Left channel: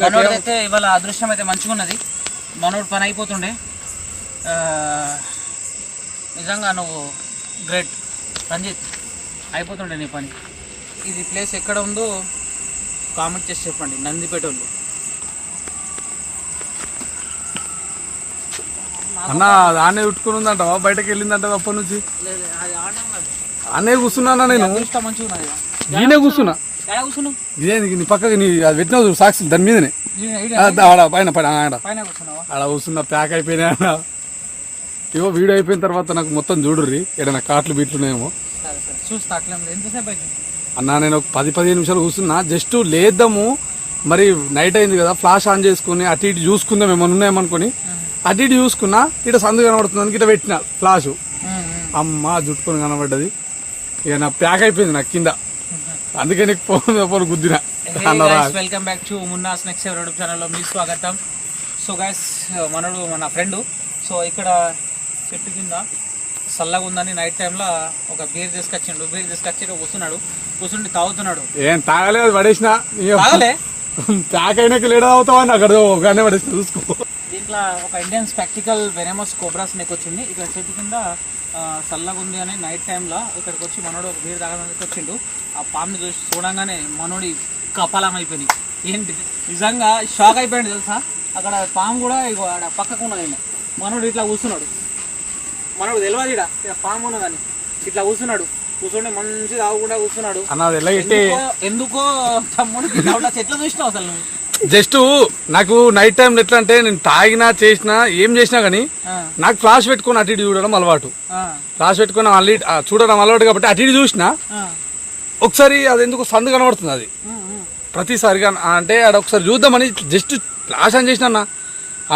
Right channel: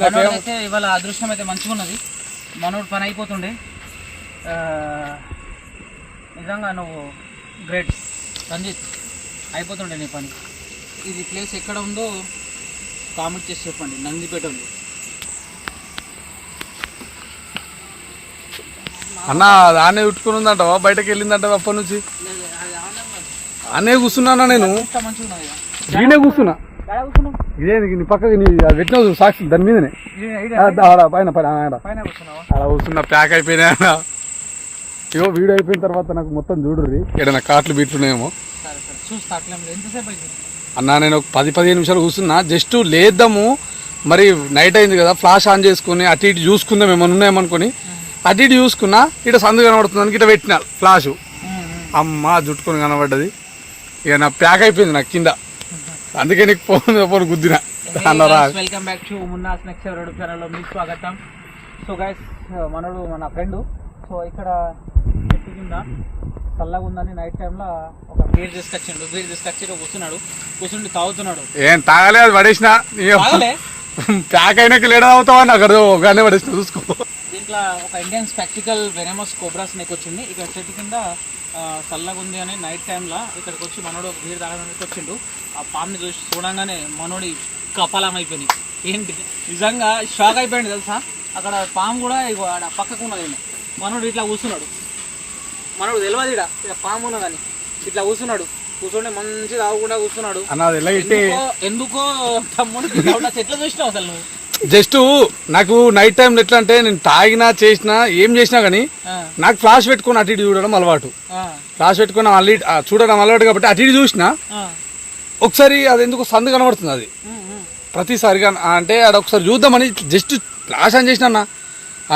మనోడు అయితే ఇవాళ అదృష్టం అయితే మంచిగా ఉన్నది. మనోడు పని అయిపోతుండే. నిజంగా నువ్వు గ్రేట్. రంజిత్ అయిపోతుండే నీ పని. ఇది ప్లేస్ ఎక్కడ ఉందో కామెంట్ చేసి చెప్పండి. నందిపేట వాళ్ళు అన్న దాన్నే ఉట్టుకుని ఉందంట బయటకు వెళ్ళిందంట అప్పటి నుంచి? అన్నే కూర్చున్నానా నేను మంచిగా కూర్చున్నా. ఎక్కడ కూర్చున్నావు ఇదే నీ పక్కకి నీ అది పెట్టినావు చూడు సాక్షి దాని మీదనే. ఆడ పైన పైన ఆడ. ఆడ కూర్చున్నా ప్యాక్ అయిపోయినా ఇగో వీడియో అయిపోయిన తర్వాత నాకు మొత్తం చూడుర్రి ఏడైనా కాట్లు అవుతుంది అన్న నేను ఒక పది పదిహేను నిమిషాలు కూర్చున్నా. జస్ట్ లేద్దాము. మరి నైట్ అయింది కదా ఫ్లాష్ ఆన్ చేసుకుని అటు ఇటు చూసుకుందాం ఏమైనా ఉన్నాయేమనుకొని. అటు ఇటు చూసుకున్నా ఇటు సందు కనబడుతుంది ఇటు పెట్టిన ఫ్లాష్. అమ్మ జుట్టుకొని కనబడ్డది. ఇక నా ప్యాక్ అయిపోయింది నాకు కింద. అందుకే నీకు phone phone గుద్దిన. Welcome back to Munna snacks YouTube ఛానల్లో మీ స్వాగతం. సో గైస్ మనడు మన ఫ్రెండ్ సో ఇక్కడ చెట్టు కింద చల్లగా ఉందని నైట్ టైంలో ఒక బీర్ తీసుకొచ్చిండు. బీర్ తీసుకొచ్చి కూర్చున్నాడు. కూర్చుండి తాగుతున్నాడు. ఏం తాగలే అది పడేసిన. ప్యాక్ అయినాక లేడ అవుతావా నాకు అర్థం ఒకనే పడేసిన చూసుకో. దీంట్లో ఒక Indian spectacled venomous cobra snake వచ్చింది. ఇక్కడ చెట్టు కింద చల్లగా ఉంది అని నైట్ టైంలో ఇక్కడికి వచ్చి మనోడు ఒక బీర్ తాగడానికి వచ్చిండు ఆ పాముని చూసి చూడంగానే మనోడి కపాలం అయిపోయింది ఏంటి? నిజంగా షాక్ అయిపోయింది తెలుసా? అక్కడ పాము కూడా ఆడ పక్కకు ఉన్నది. మనోడు ఇట్లా కూర్చున్నాడు. మనోడు తెలియదు ఇక పాము ఉన్నదని ఇట్లా కూర్చున్నాడు. కూర్చుంటే మంచి తాగకుండా కూర్చున్నాడు. ఎందుకో వచ్చి ఎట్లా చూసినావు అసలు నువ్వు? జస్ట్ నాకు నైట్ టైం ఎట్లా అంటే నేను తాగినా చేసినా ఏం చేసినా కానీ నాకు ఫ్లాష్ పెట్టుకొని అటు ఇటు చూడడం అలవాటు. ఫ్లాష్ పెట్టుకొని మళ్ళీ చూడడం అలవాటు కాబట్టి అటు ఇటు చూసినా. ఒకసారి అది ఎందుకు సందు కనబడుతుంది అది. ప్రతిసారిగా అంటే ఆడ ఒకసారి చూద్దామని జస్ట్ ఫ్లాష్ అని చేసిన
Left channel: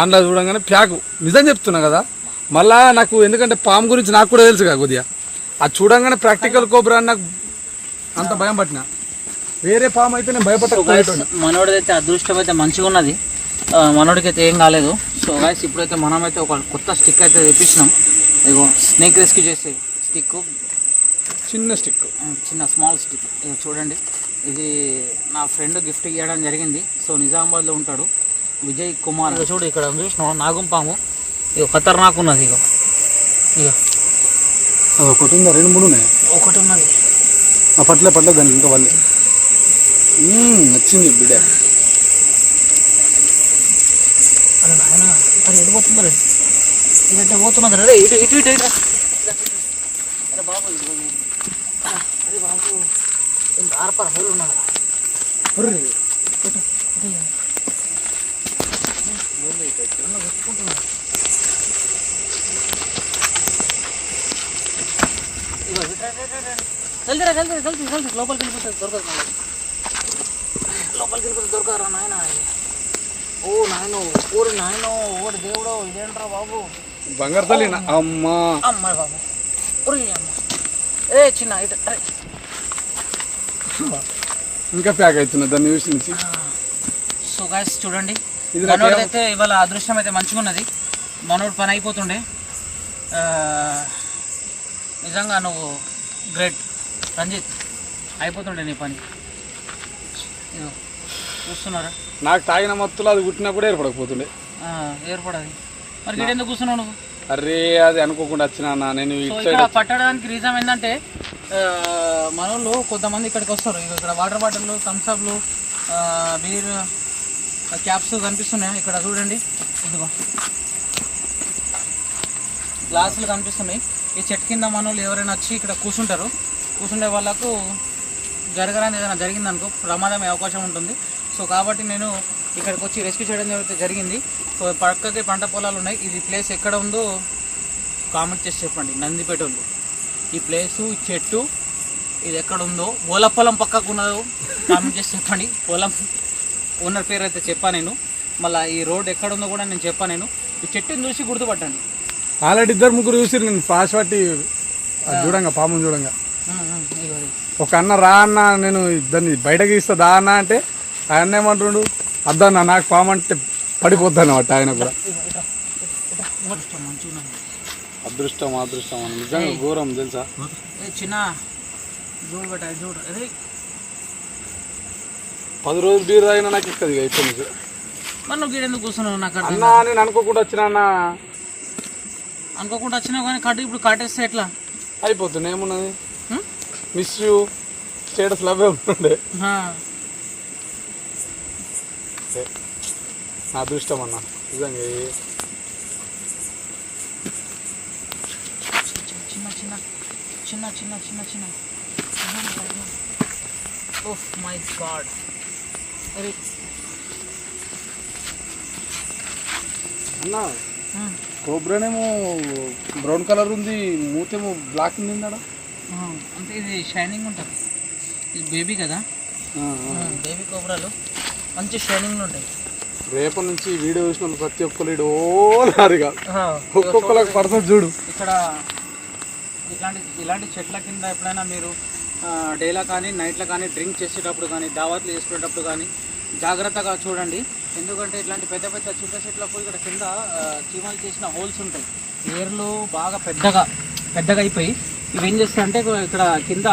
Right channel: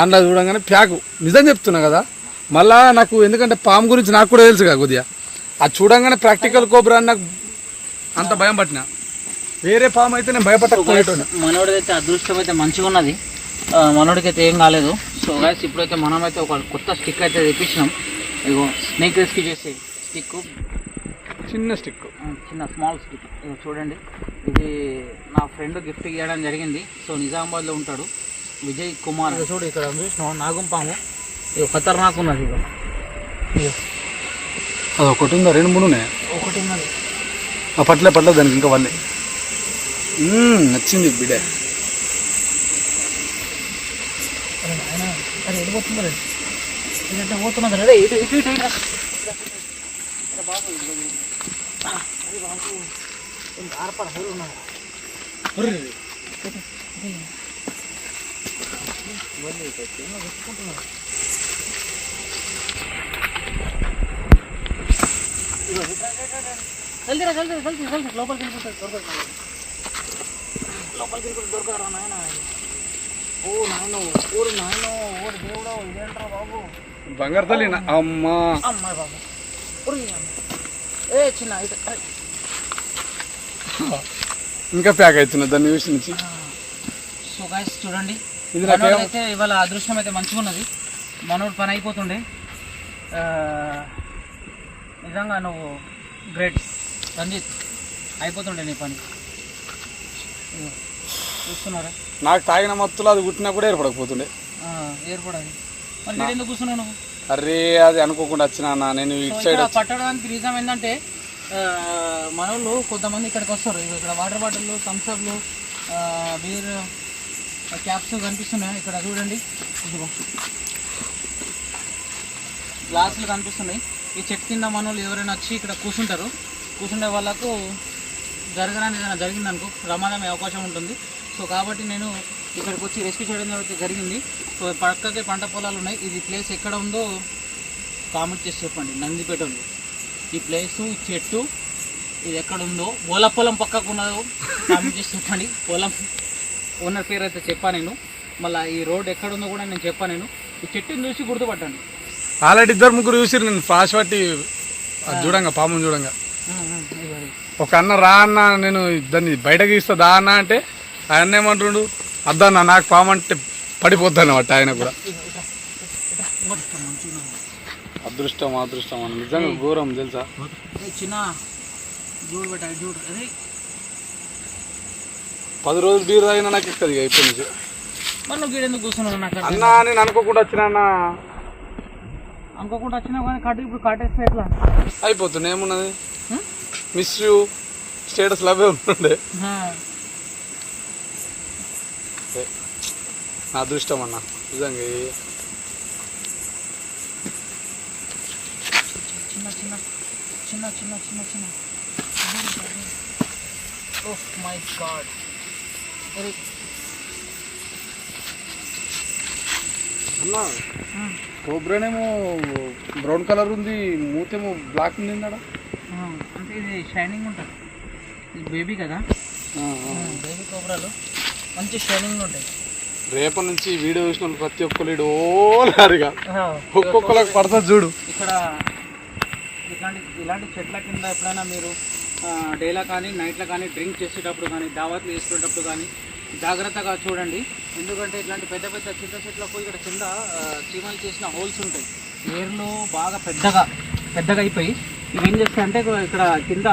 అందులో చూడంగానే ప్యాక్ నిజం చెప్తున్నా కదా. మళ్ళా నాకు ఎందుకంటే పాము గురించి నాకు కూడా తెలుసు కదా కొద్దిగా. అది చూడంగానే ప్రాక్టికల్ కోబ్రా అని నాకు అంత భయం పట్టిన. వేరే పాము అయితే నేను. మనోడిది అయితే అదృష్టం అయితే మంచిగా ఉన్నది. మనోడికి అయితే ఏం కాలేదు. సో గైస్ ఇప్పుడైతే మనమైతే ఒక కొత్త స్టిక్ అయితే తెప్పించినాం. ఇగో స్నేక్ రెస్క్యూ చేసే స్టిక్ చిన్న స్టిక్ చిన్న స్మాల్ స్టిక్ ఇగో చూడండి. ఇది నా ఫ్రెండ్ గిఫ్ట్ ఇవ్వడం జరిగింది. సో నిజామాబాద్లో ఉంటాడు. విజయ్ కుమార్. చూడు ఇక్కడ చూసినావు? నాగం పాము. ఇగో ఖతర్నాక్ ఉన్నది ఇగో ఇగో అది ఒకటి ఉందా? రెండు మూడు ఉన్నాయి? ఒకటి ఉన్నది. ఆ పట్లే పట్ల దానికి ఇంకా వాళ్ళే. నచ్చింది బిడ్డ అరే నాయన అరే ఎటు పోతుంది రే? ఇదంటే పోతున్నది రే ఇటు ఇటు ఇటు ఇటు అరే బాబు అరే బాబు ఇంత హోల్ జల్దీ జల్దీ జల్దీ జల్దీ లోపలికి వెళ్ళిపోతుంది దొరకదు లోపలికి దొరకదురా నాయన? ఓ నాయనో ఓరి నాయనో ఓరి దేవుడో ఇదేంట్రా బాబు? బంగారు తల్లి అమ్మా. అమ్మాయి బాబు. ఓరి అమ్మ. ఏ చిన్న ఇటు అరే. ఇంకా ప్యాక్ అవుతున్నా దాన్ని చూసి నుంచి. సో గాయస్ చూడండి. అయితే ఇవాళ అదృష్టం అయితే మంచిగా ఉన్నది మనోడు పని అయిపోతుండే. నిజంగా నువ్వు గ్రేట్. రంజిత్ అయిపోతుండే నీ పని. చూస్తున్నారా నాకు తాగిన మత్తులో అది కుట్టినా కూడా ఏర్పడకపోతుండే. ఏర్పడది. మరి ఎందుకు కూర్చున్నావు నువ్వు? అరే అది అనుకోకుండా వచ్చినా. నేను పట్టడానికి రీజన్ ఏంటంటే మనోళ్ళు కొంతమంది ఇక్కడికి వస్తారు. ఇక్కడ వాటర్ బాటిల్ థమ్స్అప్లు బీర్ క్యాప్స్ కనిపిస్తున్నాయి? ఇక్కడ చూడండి. ఇదిగో. గ్లాసులు కనిపిస్తున్నాయి. ఈ చెట్టు కింద మనోళ్ళు ఎవరైనా వచ్చి ఇక్కడ కూర్చుంటారు. కూర్చుండే వాళ్ళకు జరగడానికి ఏదైనా జరిగిందనుకో ప్రమాదం అయ్యే అవకాశం ఉంటుంది. సో కాబట్టి నేను ఇక్కడికి వచ్చి రెస్క్యూ చేయడం జరుగుతుంది జరిగింది. సో పక్కకి పంట పొలాలు ఉన్నాయి. ఇది ప్లేస్ ఎక్కడ ఉందో కామెంట్ చేసి చెప్పండి. నందిపేట వాళ్ళు ఈ ప్లేసు ఈ చెట్టు ఇది ఎక్కడ ఉందో ఓల పొలం పక్కకు ఉన్నదో కామెంట్ చేసి చెప్పండి. పొలం ఓనర్ పేరు అయితే చెప్పా నేను. మళ్ళీ ఈ రోడ్ ఎక్కడ ఉందో కూడా నేను చెప్పా నేను. ఈ చెట్టుని చూసి గుర్తుపట్టండి. ఆల్రెడీ ఇద్దరు ముగ్గురు చూసిరు నేను. ఫ్లాష్ పట్టి అది చూడంగా పాము చూడంగా. ఒక అన్న రా అన్న నేను దాన్ని బయటకి ఇస్తా దా అన్న అంటే ఆయన ఏమంటుండు? అద్దన్న నాకు పాము అంటే పడిపోద్ది అన్నమాట ఆయన కూడా. అదృష్టం అదృష్టం అన్న. నిజంగా ఘోరం తెలుసా? చిన్న. పది రోజులు బీరు తాగినా నాకు ఎక్కదు ఇక ఇప్పటి నుంచి. అన్నా నేను అనుకోకుండా వచ్చిన అన్న. అనుకోకుండా వచ్చినావు కానీ కట్టు ఇప్పుడు కట్టేస్తే ఎట్లా? అయిపోతుంది ఏమున్నది? మిస్ యూ స్టేటస్ లవే ఉంటుండే నా అదృష్టం అన్న. నిజంగా చిన్న చిన్న చిన్న చిన్న చిన్న చిన్న. ఓహ్ మై గాడ్ అన్న కోబ్రానేమో బ్రౌన్ కలర్ ఉంది మూతేమో బ్లాక్ ఉంది ఇది షైనింగ్ ఉంటుంది. ఇది బేబీ కదా. బేబీ కోబ్రాలు మంచి షైనింగ్ ఉంటాయి. రేపటి నుంచి వీడియో చూసిన ప్రతి ఒక్కరు ఓలారిగా. ఒక్కొక్కరికి పడుతుంది చూడు. ఇక్కడ ఇట్లాంటి ఇలాంటి చెట్ల కింద ఎప్పుడైనా మీరు డేలో కానీ నైట్లో కానీ డ్రింక్ చేసేటప్పుడు కానీ దావత్లు వేసుకునేటప్పుడు కానీ జాగ్రత్తగా చూడండి. ఎందుకంటే ఇట్లాంటి పెద్ద పెద్ద చిన్న చెట్లకు ఇక్కడ కింద చీమలు చేసిన హోల్స్ ఉంటాయి. ఏర్లు బాగా పెద్దగా పెద్దగా అయిపోయి ఇవేం చేస్తాయి అంటే ఇక్కడ కింద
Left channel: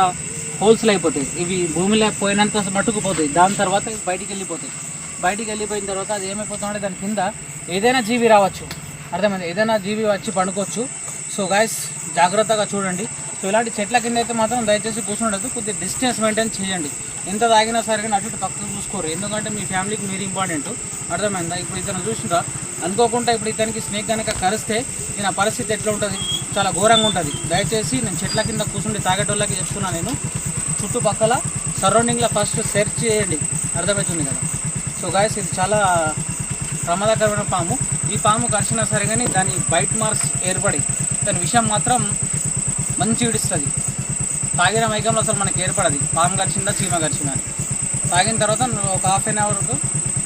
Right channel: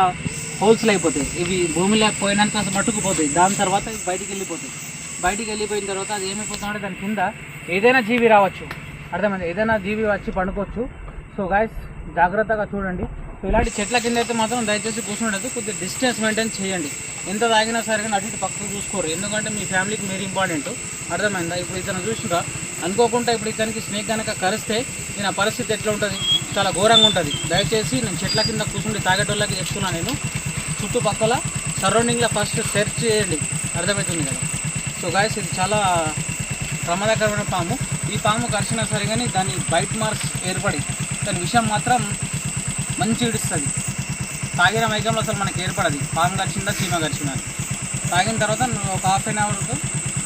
హోల్స్లు అయిపోతాయి. ఇవి భూమి లేకపోయినంత మట్టుకు పోతాయి. దాని తర్వాత ఇవి బయటికి వెళ్ళిపోతాయి. బయటికి వెళ్ళిపోయిన తర్వాత అది ఏమైపోతుందంటే దాని కింద ఏదైనా జీవి రావచ్చు. అర్థమైంది? ఏదైనా జీవి వచ్చి పండుకోవచ్చు. సో గాయస్ జాగ్రత్తగా చూడండి. సో ఇలాంటి చెట్ల కింద అయితే మాత్రం దయచేసి కూర్చుండదు కొద్దిగా డిస్టెన్స్ మెయింటైన్ చేయండి. ఎంత తాగినా సరే కానీ అటు ఇటు పక్కకు చూసుకోరు. ఎందుకంటే మీ ఫ్యామిలీకి మీరు ఇంపార్టెంట్ అర్థమైందా? ఇప్పుడు ఇతను చూసినా అనుకోకుండా ఇప్పుడు ఇతనికి స్నేక్ కనుక కరిస్తే నేను పరిస్థితి ఎట్లా ఉంటుంది? చాలా ఘోరంగా ఉంటుంది. దయచేసి నేను చెట్ల కింద కూర్చుండి తాగేటోళ్ళకి చెప్తున్నా నేను. చుట్టుపక్కల సరౌండింగ్లో ఫస్ట్ సెర్చ్ చేయండి. అర్థమవుతుంది కదా? సో గాయస్ ఇది చాలా ప్రమాదకరమైన పాము. ఈ పాము కరిచినా సరే కానీ దాని బైట్ మార్క్స్ ఏర్పడి దాని విషయం మాత్రం మంచి ఇడుస్తుంది. తాగిన మైకంలో అసలు మనకి ఏర్పడదు. పాము కరిచిందా చీమ కరిచిందా తాగిన తర్వాత ఒక హాఫ్ అన్ అవర్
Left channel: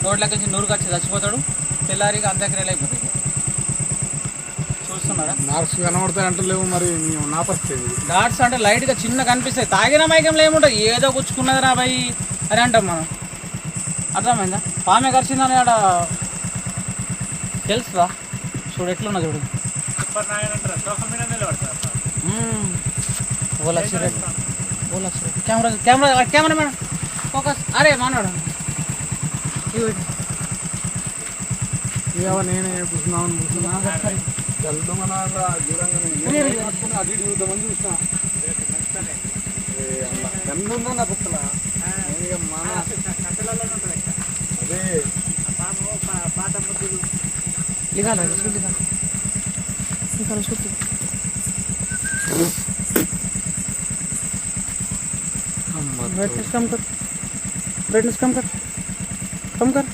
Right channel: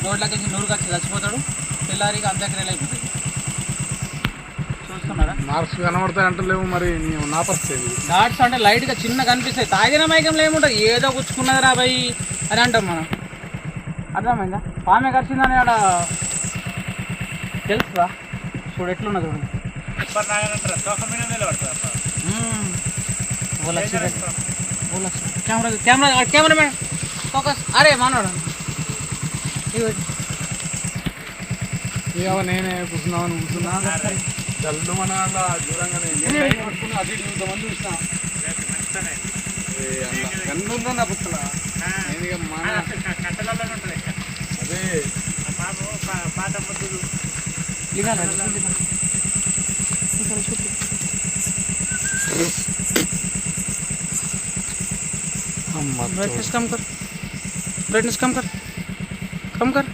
రోడ్లకి వచ్చి నూరు వచ్చి చచ్చిపోతాడు. తెల్లారిగా అంత్యక్రియలు అయిపోతుంది చూస్తున్నాడా మార్క్స్ కనబడతాయి అంటలేవు మరి నీ- నా పరిస్థితి. డాట్స్ అంటే లైట్గా చిన్న కనిపిస్తాయి. తాగిన మైకంలో ఏముంటుంది? ఏదో గుచ్చుకున్నది రా భయ్ అని అంటాం మనం. అర్థమైందా? పామె కరిచిందని ఆడ తెలుసుదా చూడు ఎట్లున్నా చూడు. మ్మ్. ఓ లక్ష రూపాయలు. ఓ లక్ష రూపాయలు. Camera camera camera madam focus. అరే. ఏవో నేనే కూర్చున్నామని కూర్చున్నా. జల్లు మన అలా దూరంగానే నేనే పట్టుకుని అటు ఇటు చూద్దామని చూసిన ఏ అలా కన్ను ఉందో నా బుక్కల నేను ఇక మన అదే ఇదా లేదు, చూడు ఇదా. ఇక్కడ చూడు. అమ్మ ब्राइटनेस कम कर ब्राइटनेस कम कर कम कर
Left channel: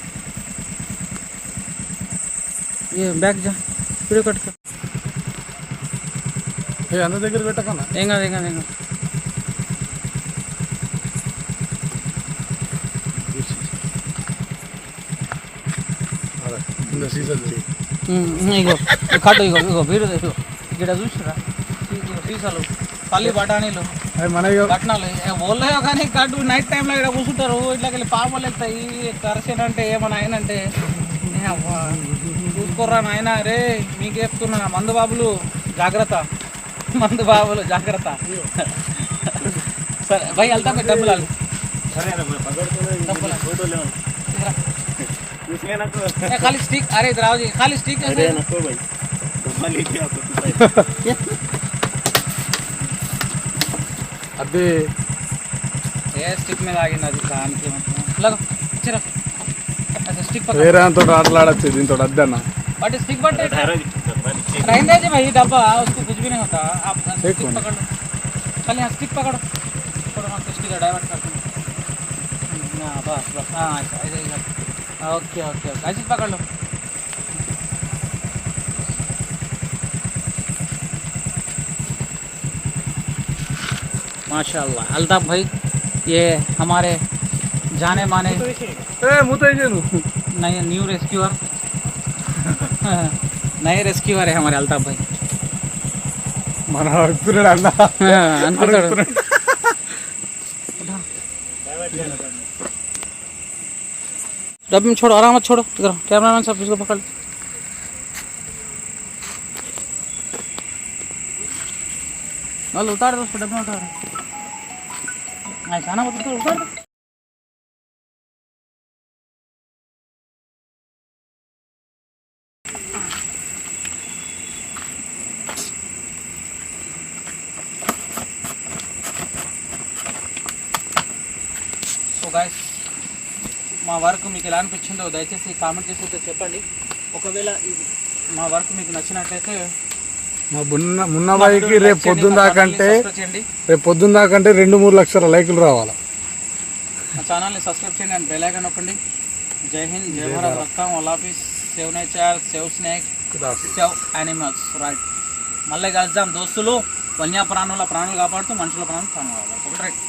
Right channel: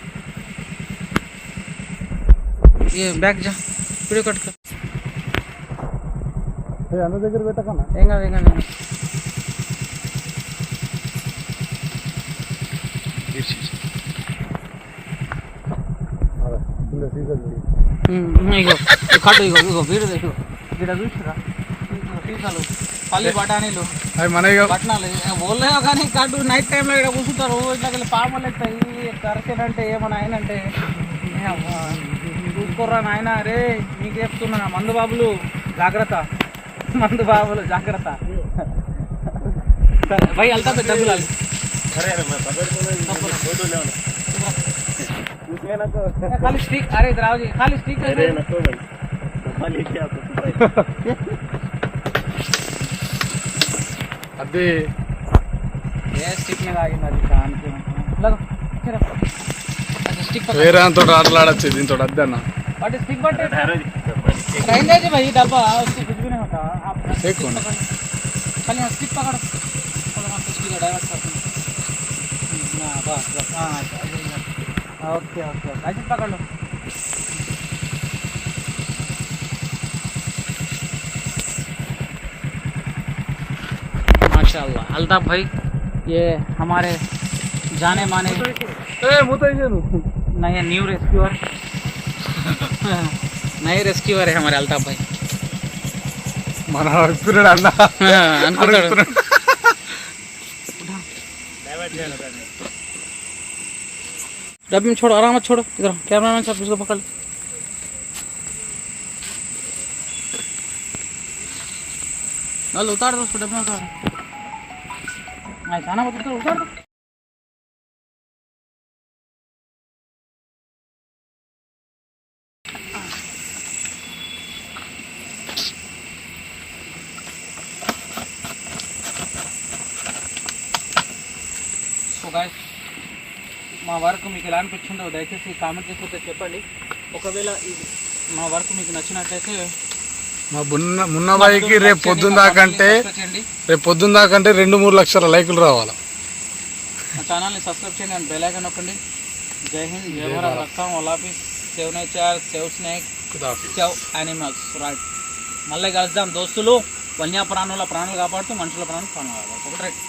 ये बैग जा ఇప్పుడే కొట్టుకో. అందరి దగ్గర పెట్టకన్నా ఏం కాదు ఏం కాదు ఏం కాదు. இந்த சீசன் ఇగో కట్టు ఇగో ఇగో వీడు మన పట్టణాలు కానీ కట్టు నైట్ టైంలో ఇక్కడ కూర్చుంటారు. ఇట్లా పాపలు ఎత్తాయి కరసేనంటే ఏమైనా ఆయనంటే చూసుకోర్రా నాయన రే మీకు చెప్తున్నా మందు బాబులు జాగ్రత్త. మందు బాబులు జాగ్రత్త. సరే భయ్ వెళ్తా డబ్బులు ఖాళీ స్టిక్ అరే ఇది రావు ఖాళీ స్టిక్ అదే ఏ స్టిక్ మీద ఆగింది అది? దానికి ఇలాగో స్టిక్ వేరే అంతో ఆటలాడచ్చు దీంతో అద్దన్న. बट स्टिक बट है भाई डब्बा उसको कुछ भी नहीं होता। आप स्टिक यहाँ स्टिक पकड़ो। थोड़ा हम करते हैं बस बस। हाँ अच्छा ओके ओके ओके। पकड़ लो। माशाल्लाह। अल्ताफ भाई ये हमारे जाने माने नहीं न्यू रेस्क्यूअर नए रेस्क्यूअर है हमारे अल्ताफ भाई మన ఇస్తున్నాడు అన్న అనుకుంటాడు डब्बे में छोड़ो आराम से छोड़ो इधर कैमरा मैन साहब इसको पकड़ लो नल उतार दो उसको डब्बे में उतार दो ऐसा ना मत उतार उतार दो మా వర్క్ మీకు ఎలా అనిపించిందో దయచేసి కామెంట్ చేసి చెప్పండి. ఒకవేళ మా వర్క్ మీకు నచ్చినట్లయితే మా బున్న మున్నబాయికి రేపు పొద్దున్న దాకంటే రేపు పొద్దున్న దాకంటే రెండు మూడు లక్షల లైకులు రావాలి. మా ఛానల్ని సబ్స్క్రైబ్ చేయండి అండ్ బెల్ ఐకాన్ నొక్కండి. జై హింద్ జై భారత్ రక్తం ఒలాఫీస్ save nature save snake save animals right మళ్ళీ కలుద్దాం. దోస్తులు వన్యప్రాణుల ప్రాణాలు కాపాడుతూ మనుషుల ప్రాణాలు ప్రాణాలు కాపాడుతూ. రైట్